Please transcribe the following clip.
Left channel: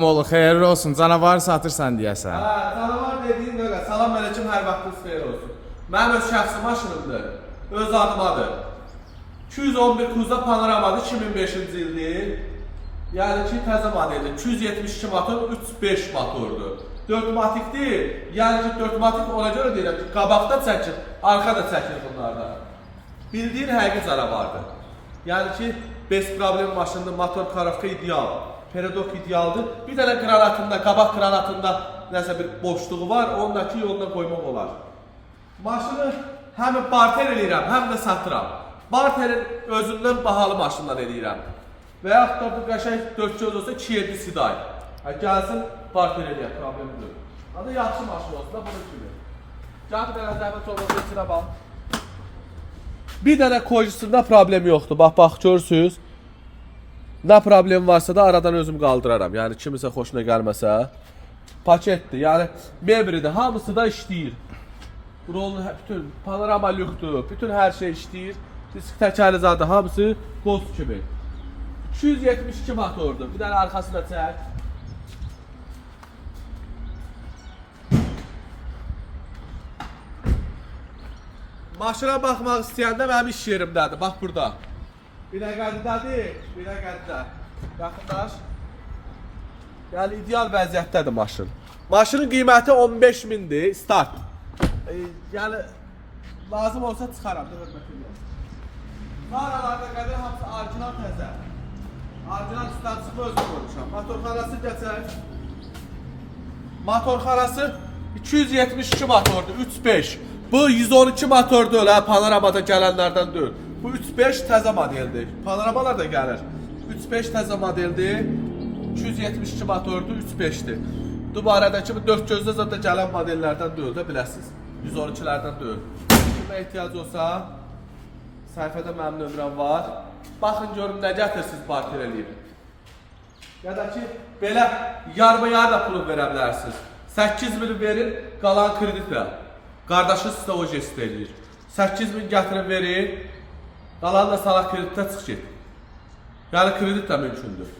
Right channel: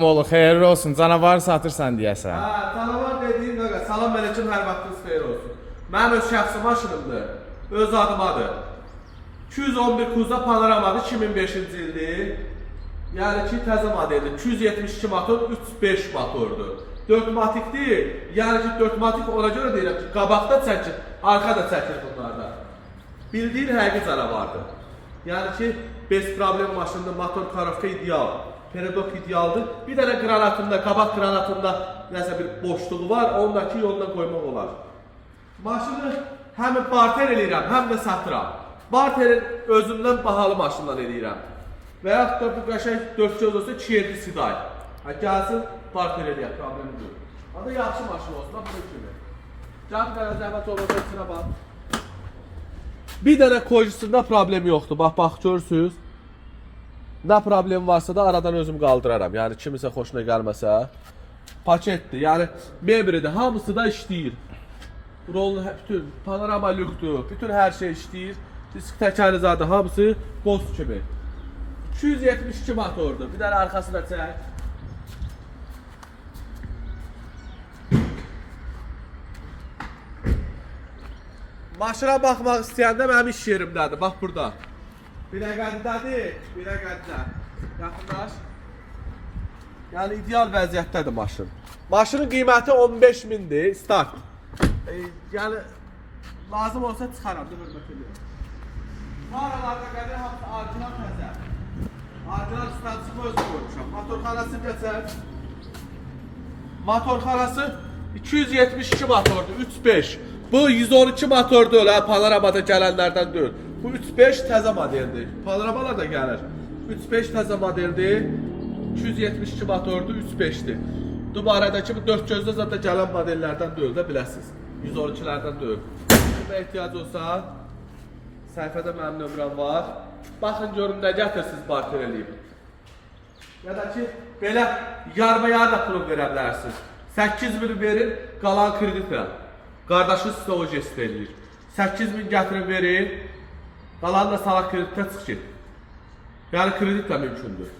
Oğlu xeyirli olsun, canavar satırsan deyəsən. Canavar dediğin öyle. Salam aleyküm, her vaxtınız xeyir olsun. Mənim öz şəxsi maşınımdır. Öz adımadır. 211 Kuza Panoramadır, 2005-ci ildir. Yəni ki, təzə modeldir. 272 motor, 3.5 motordur. 4matikdir. Yəni ki, 4matik ona görə deyirəm ki, qabaqda çəkir, arxa da çəkir bunlarda. Bildiyin həqiqi canavardır. Yəni ki, bez problem maşındır, motor karavka ideal. Peredok idealdır. Bir dənə qranatında, qabaq qranatında nəsə bir boşluğu var, ondakı yoluna qoymaq olar. Maşını həm barter eləyirəm, həm də satıram. Barterin özündən bahalı maşından eləyirəm. Və yaxud da bu qəşəng 4 göz olsa 2-7 siday. Gəlsin, barter eləyək, problemi deyil. Adı yaxşı maşın olsun, da bunu kimi. Can dənə zəhmət olmasa içinə bax. Bir dənə kojusunda problem yoxdur, bax, görürsünüz. Nə problem varsa da aradan özüm qaldıraram. Yəni kimisə xoşuna gəlməsə. Paketdir, yəni mebridir, hamısı da işləyir. Rol, bütün panorama lükdür, bütün hər şey işləyir. Disk təkərizadı, hamısı dost kimi. 272 motordur. Bir dənə arxasına çək. Maşına baxmaq istəyəndə mənim iş yerimdədir. Bax burada. Biləkədidədir, biləkədidə. Yaxınlaş. Yəni ideal vəziyyətdədir maşın. Maşının qiyməti 15.000-dir, start. Yəni lazım olsa çıxaram, hörmət edirəm. Aralarda qədər hamısı orijinal təzə. Orijinal statusunu özüm qoymuşam. Motorxanası keçər. Motorxanası 272 motordur, 3.5. Bu 112 motordur, panoramada gələnlərdən deyil. Bu 3.5 təzə modeldir. Panoramalar da gəlir. 3.5 təzə modeldir. 272 motordur, 3.5'dir. Dubarədəki bu 4 gözdə zaten gələn modellərdən deyil də biləsiniz. 112'lərdən deyil. Kimə ehtiyac olsa, səhifədə mənim nömrəm var. Baxın görün nə gətirsiniz barter eləyib. Ya da ki, belə yarma-yarla pulu verə bilərsiniz. 8.000 verin, qalan kreditlə. Qardaşınız sizə o jest eləyir. 8.000 gətirin verin, qalan da salaq kreditlə çıx get. Yəni kredit də mümkündür.